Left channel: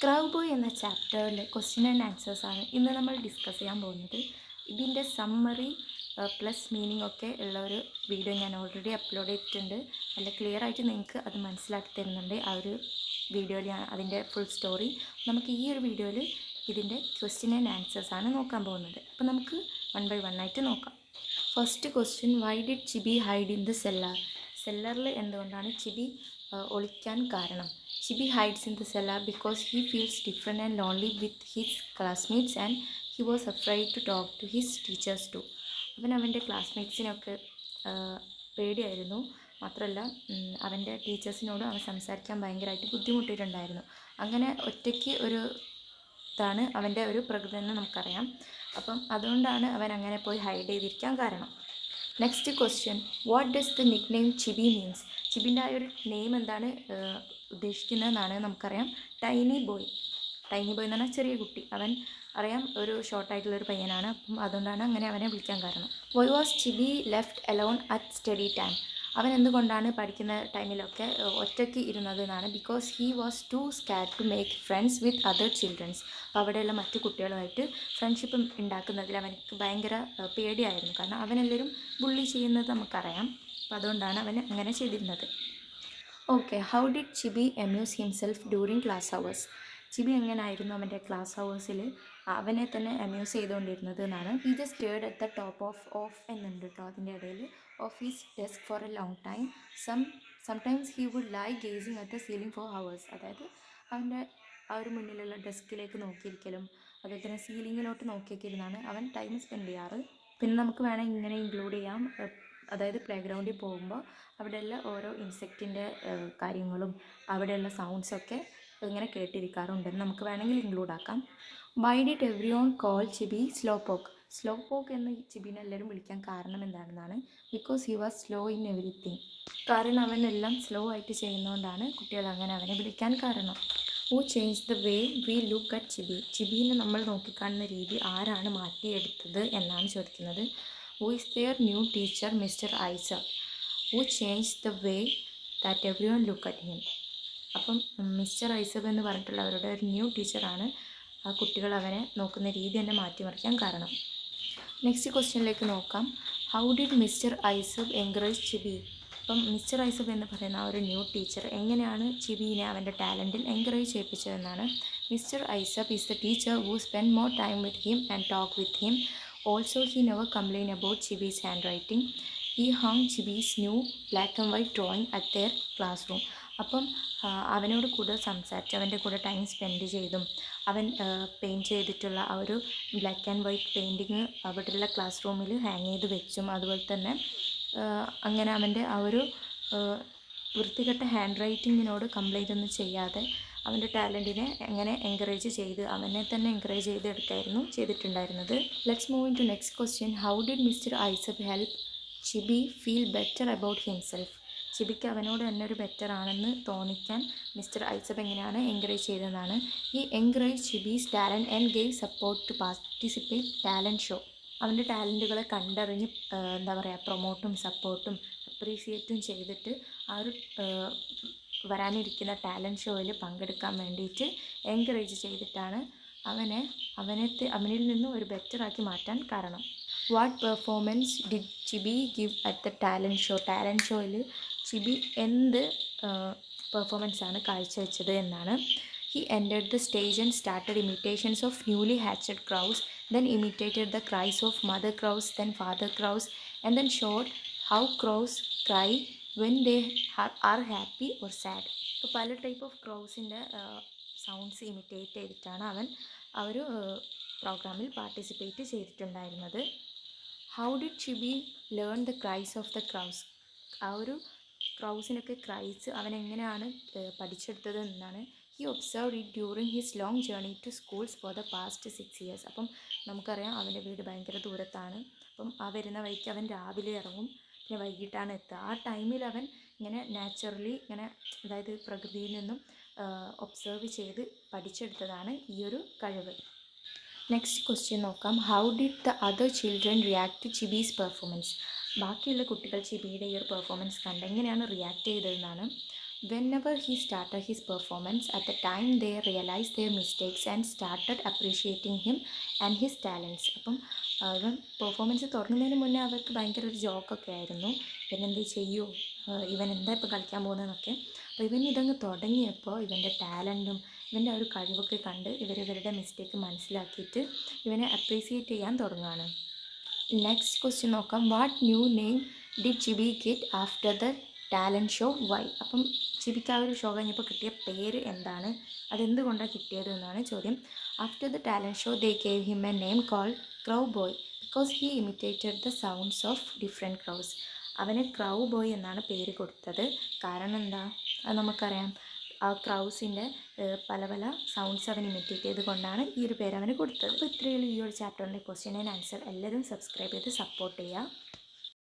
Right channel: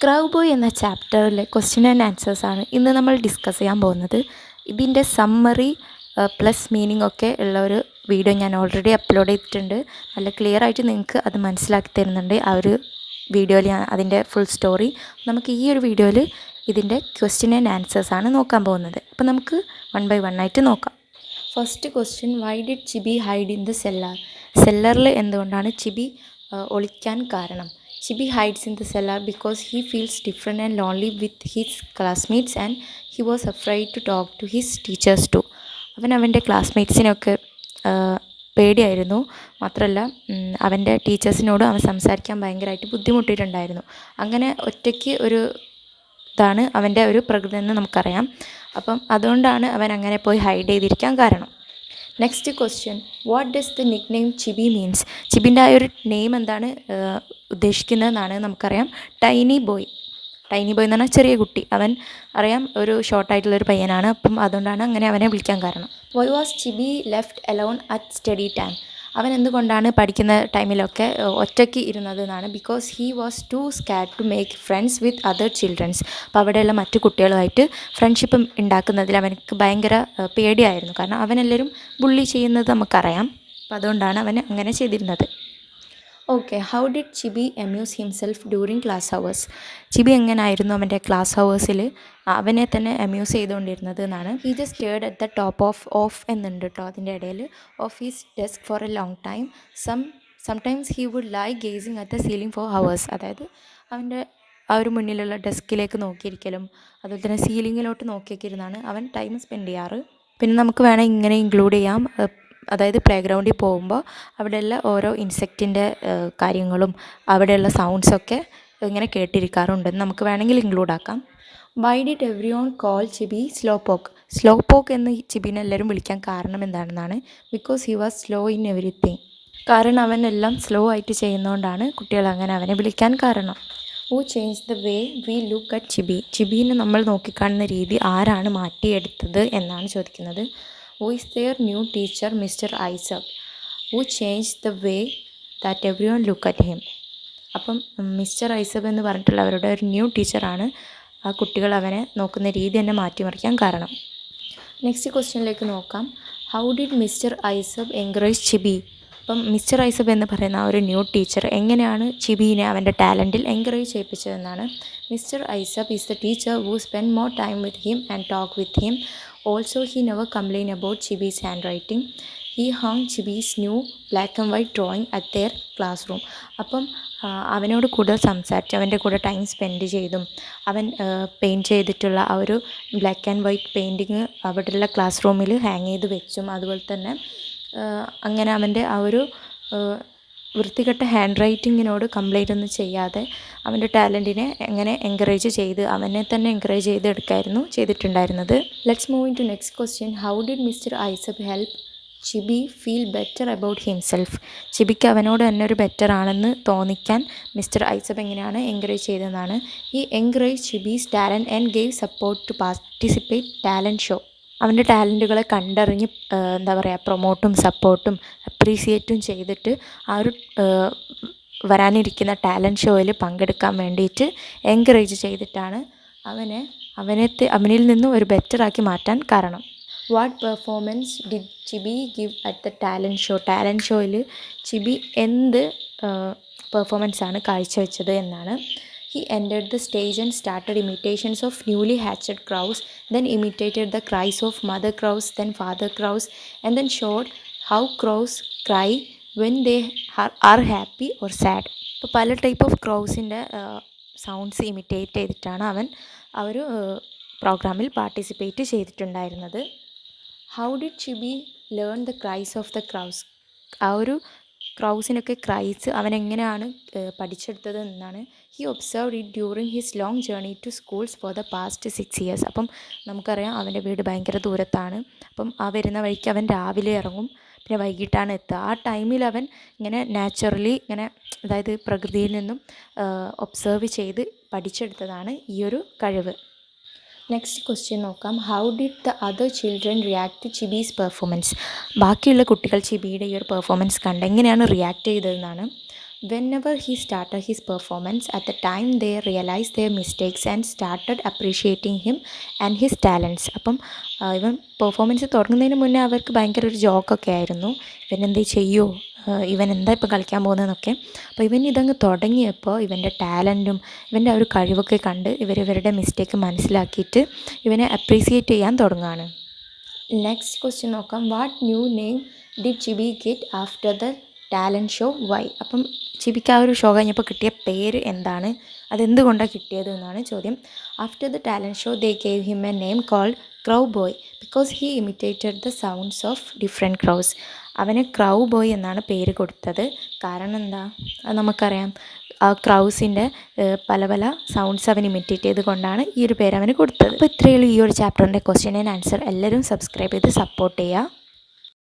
Crow boy എന്ന ചാപ്റ്ററിലെ question and ആൻസേഴ്സാണ് ഇന്ന് നമ്മൾ ഡിസ്കസ് ചെയ്യാൻ പോകുന്നത്. ഇതിൻ്റെ സമ്മറി പ്ലസ് മീനിങ് ഒക്കെ ഉള്ള ഒരു വീഡിയോ ഞാൻ ഓൾറെഡി അപ്ലോഡ് ചെയ്തിട്ടുണ്ട്. നല്ല ക്ലിയർ ആയിട്ട് നിങ്ങൾക്ക് അത് മനസ്സിലാക്കി തരുന്നുണ്ട് ആ ഒരു വീഡിയോയിൽ. അതിൻ്റെ ഫുൾ സ്റ്റോറി നമുക്ക് ഈ ഒരു വീഡിയോയിൽ ഇതിൻ്റെ ക്വസ്റ്റ്യൻ ആൻഡ് ആൻസേഴ്സാണ് നോക്കാൻ പോകുന്നത്. അപ്പോൾ നമുക്ക് വൺ ബൈ വൺ ആയിട്ട് നോക്കാം. First question, why did Chibi hide in the cellar? സെല്ലറിൽ എന്തുകൊണ്ടാണ് ചിബി ഒളിക്കാൻ കാരണം? Chibi hides in the cellar because he feels different and lonely with his classmates and he was afraid to talk to his teachers too. അവൻ്റെ ക്ലാസ്മേറ്റ്സിനൊക്കെ പേടിയായിരുന്നു. മാത്രമല്ല അവൻ്റെ ടീച്ചേഴ്സിനോടും അവൻ സംസാരിക്കാൻ ഭയങ്കരമായിട്ട് ബുദ്ധിമുട്ടിയിട്ടുണ്ടായിരുന്നു. അങ്ങനെ ഒറ്റയ്ക്ക് ഒരു ഇതാണ് അവൻ്റെ ഒരു പ്രകൃതി എന്ന് നമുക്കറിയാം. അപ്പം അതുകൊണ്ടാണ് അവൻ അങ്ങനെ പോയി ഹൈഡ് ചെയ്തിരിക്കാൻ കാരണം. Next question, what does the nick name Chibi means? ചിബിൻ്റെ ആ ഒരു നെയിം എന്താണ് ഉദ്ദേശിക്കുന്നതെന്നാണ് നമുക്കറിയാം. Tiny boy. ടൈനി ബോയ് എന്ന് പറഞ്ഞാൽ ചെറിയ കുട്ടി. അവൻ അറിയാം ഒരു ഷോർട്ടായിട്ടുള്ളൊരു പയ്യനാണ്. അപ്പം അതുകൊണ്ടാണ് അങ്ങനെ അവനെ വിളിക്കാൻ കാരണം. Why was Chibi left alone at study time? അവൻ എന്തുകൊണ്ടാണ് പഠിക്കുന്ന ടൈമിലൊക്കെ ഒറ്റയ്ക്ക് ഇരുന്നത് എന്നാണ്. Because he was too scared to make friends with other childrens. അപ്പോൾ അവിടെയുള്ള മറ്റു കുട്ടികളുമായിട്ട് ഫ്രണ്ട്ഷിപ്പ് ഉണ്ടാക്കുന്നതിൽ അവനക്ക് ഭയങ്കര പേടിയായിരുന്നു. കാരണം അവനെല്ലാവരും ബുള്ളി ചെയ്യുന്നത് നമുക്കറിയാം. അപ്പോൾ അതുകൊണ്ടാണ് അവൻ അങ്ങനെ ചെയ്തിരുന്നത്. Okay, how did Chibi amuse himself during class hours? Chibi എങ്ങനെയായിരുന്നു അവൻ്റെ ക്ലാസ് ഹവേഴ്സിൽ അവനെ തന്നെ അമ്യൂസ് ചെയ്തുകൊണ്ടിരുന്നത് എന്നാണ്. He just stared at the top of എന്നുണ്ട് കേട്ടോ അതിൻ്റെ ഇടയിൽ. Of his desk for a long time. Sometimes he would lie gazing at the ceiling for hours. അതായത് അവൻ്റെ ആ ഒരു മുന്നിലുള്ള ഡെസ്കിലേക്ക് നോക്കിയിരിക്കലും അതുപോലെ തന്നെ സീലിങ്ങിലോട്ട് നോക്കിയൊക്കെ ഇരുന്നാണ് അവൻ ടൈം സ്പെൻഡ് ചെയ്യാറ്. പിന്നെ നമുക്ക് വേണമെങ്കിൽ ഇങ്ങനെ ഇൻക്ലൂഡ് ചെയ്യാം. അതായത് പ്ലേ ഗ്രൗണ്ടിൽ പോകുമ്പോൾ അവിടെയുള്ള ഓരോ ഇൻസെക്റ്റിൻ്റെ കാര്യങ്ങളും അവിടെയുള്ള സൗണ്ട്സൊക്കെ ഇങ്ങനെ കേട്ടിരിക്കാറുണ്ടെന്ന് നമുക്ക് വേണമെങ്കിൽ ഇൻക്ലൂഡ് ആക്കാം. Why did every one call ചിബി slow പോക്ക്? സ്ലോ പോക്ക് എന്ന് ചിബിനെ എല്ലാവരും വിളിക്കാൻ കാരണം എന്താണെന്നാണ്. Because he was slow in everything. കാരണം അവൻ എല്ലാം സ്ലോ ആയിട്ട് ചെയ്യുന്നതുകൊണ്ടാണ് കുട്ടികൾ അങ്ങനെ അവനെ വിളിക്കാൻ കാരണം. Who change the way we look at Chibi? ചിബീനെ നമ്മൾ നോക്കിക്കാണുന്ന രീതി ആരാണ് മാറ്റിയെടുത്തത് എന്നാണ് ചോദിക്കുന്നത്. Who is their new teacher mister Isaac? Who change the way that everyone look at him? അപ്പം മിസ്റ്റർ ഐസക് എന്ന് പറഞ്ഞിട്ടുള്ള അവരുടെ ഒരു ന്യൂ ടീച്ചറാണ് ആ കുട്ടികൾ അവനെ നോക്കുന്ന രീതി തന്നെ മാറ്റിമറിക്കാൻ കാരണം. നെക്സ്റ്റ് ക്വസ്റ്റ്യനിലേക്ക് നോക്കാം. How did mister Isaac encourage ചിബി? അപ്പം മിസ്റ്റർ ഐസബ് എന്ന് പറയുന്ന ആ ഒരു ന്യൂ ടീച്ചർ എങ്ങനെയാണ് ചിബീനെ അവൻ്റെ ടാലൻറ്റിൽ എൻകറേജ് ചെയ്യിപ്പിച്ചതെന്നാണ്. Mister Isaac is the teacher who spend more time with him and talk with him. Also he never complain about Chibi's handwriting. He hung Chibi's new black and white drawing at their classroom. അപ്പം അവനോട് കൂടുതൽ സംസാരിച്ച് അവൻ്റെ കൂടെ time spend ചെയ്തും അവൻ paint ചെയ്തിട്ടുള്ള ആ ഒരു ബ്ലാക്ക് ആൻഡ് വൈറ്റ് പെയിൻറ്റിങ് അവിടെയുള്ള ക്ലാസ് റൂമിൽ ഹാങ് ചെയ്ത് വെച്ചും അതുപോലെ തന്നെ അങ്ങനെ അവൻ്റെ ആ ഒരു വൃത്തികെട്ട ഹാൻഡ് റൈറ്റിങ്ങിനോട് കംപ്ലൈൻ്റ് ഒന്നും ചെയ്യാതെ അവൻ്റെ ടാലൻറ്റിനെ എങ്ങനെ എൻകറേജ് ചെയ്ത് അവനെ തന്നെ എൻകറേജ് ചെയ്ത് എടുക്കായിരുന്നു ചെയ്തിട്ടുണ്ടായിരുന്നത്. Let's move in to next question. How did mister Isaac help Chibi feel better about himself? ചിബിക്ക് അവനോട് തന്നെ ഒരു ബെറ്റർ ആണെന്ന് തോന്നിക്കാൻ മിസ്റ്റർ ഐസക് എങ്ങനെയാണ് എൻകറേജ് ചെയ്തതെന്നാണ്. ഈ encourage Chibi's talent and gave support to participate talent show. അവൻ്റെ ടാലൻറ്റുകളെ കണ്ടറിഞ്ഞ് എന്താ പറയുക പ്രൊമോട്ടും സപ്പോർട്ടും അപ്രീസിയേറ്റും ചെയ്തിട്ട് ആ ഒരു വരാനിരിക്കുന്ന ടാലൻറ്റ് ഷോയിൽ പങ്കെടുക്കാൻ വേണ്ടിയിട്ട് എൻകറേജ് ചെയ്തിട്ടാണ് അവനിൽ നിന്നും ഒരു ബെറ്ററാക്കി മാറ്റാൻ കാരണം. What performance did ചിബി give at the talent show? Talent ഷോയിൽ ചിബി എന്ത് പെർഫോമൻസാണ് കാഴ്ചവെച്ചത് എന്നാണ്. He entered the stage and started imitations of newly hatched crows, then imitated the cries of mother crows, then father crows, and then showed how crows cry when they are happy or sad. ഇപ്പോൾ പല type of ക്രൗസിൻ്റെ sounds imitate ചെയ്തിട്ടാണ് അവൻ ആ ഒരു പ്രോഗ്രാമിൽ participate ചെയ്തിട്ടുണ്ടായിരുന്നത്. How did Chibi learn the cries of the crows? ആ ഒരു ക്രൗസിനൊക്കെ ക്രൈസ് അവൻ എങ്ങനെയാണ് പഠിച്ചെടുത്തത് എന്നാണ്. He observed it during his long journey to schools for the past 6 years. അപ്പം നമുക്കറിയാം അവൻ്റെ വീട് ഭയങ്കര ദൂരത്താണ്. അപ്പം ആ വരുന്ന വഴിക്ക് അവൻ രാവിലെ ഇറങ്ങും, പിന്നെ വൈകിട്ടാണ് എത്തുക. ആ ടൈമിൽ അവൻ ഇങ്ങനെ നാച്ചുറലി ഇങ്ങനെ അതായത് പ്രകൃതിയിൽ നിന്നും ഒബ്സർവ് ചെയ്ത് പഠിച്ചെടുത്തതാണ് ഈ ഒരു കഴിവ്. നെക്സ്റ്റ് ക്വസ്റ്റ്യൻ നോക്കാം. How did the other children react to Chibi's performance? ബാക്കിയുള്ള കുട്ടികൾ ചിബിയുടെ ഈ ഒരു പെർഫോമൻസ് കണ്ട് എങ്ങനെയാണ് റിയാക്ട് ചെയ്തതെന്നാണ്. Whenever he started his performance, at the time they realized their mistakes and started appreciating him and his talents. അപ്പം ഇവൻ പെർഫോമൻസ് തുടങ്ങുന്നതിന് മുന്നേ അവർക്ക് ഭയങ്കര ഒരു ജോക്കൊക്കെ ആയിരുന്നു, ഇവൻ എന്ത് ചെയ്യുമോ, ഇവൻ എന്താ ഇപ്പോൾ കളിക്കാൻ പോകുന്നതെന്നൊക്കെ. അപ്പോൾ ഇവൻ ഇതങ്ങ് തുടങ്ങിയപ്പോൾ ഇവൻ്റെ ടാലൻറ്റും ഇവൻ്റെ ആ ഒരു കഴിവൊക്കെ കണ്ട് ഇവരുടെ മിസ്റ്റേക്ക് മനസ്സിലാക്കിയിട്ട് ഇവനെ അപ്രീസിയേറ്റ് ചെയ്യാൻ തുടങ്ങുകയാണ്. നെക്സ്റ്റ് ക്വസ്റ്റ്യൻ നോക്കാം. What new name did Chibi get after the talent show why? അപ്പം ചിബിക്ക് ആ ഒരു ഷോ കഴിഞ്ഞപ്പോൾ കിട്ടിയ പേര് എന്താണ്, അതെന്തുകൊണ്ടാണ് കിട്ടിയത് എന്നാണ് ചോദ്യം. After the talent show they gave him a name called crow boy because he imitated the sounds of different crows. അവന് ക്രൗ ബോയ് എന്നാണ് പേര് കൊടുത്തത്. കാരണം എന്താ, അത് നമുക്കറിയാം, ആ ക്രൗസിൻ്റെ പല പല സൗണ്ട്സ് അവൻ ഇമിറ്റേറ്റ് ചെയ്ത് കൊണ്ടാണ് ഈ ഒരു പേര് അവന് കൊടുത്തത്. അപ്പോൾ ഇത്രയേ ഉള്ളൂ ഈ ഒരു ചാപ്റ്ററിൻ്റെ ക്വസ്റ്റ്യൻ ആൻഡ് ആൻസർ. എല്ലാവരും സബ്സ്ക്രൈബ് ചെയ്ത് സപ്പോർട്ട് ചെയ്യുക.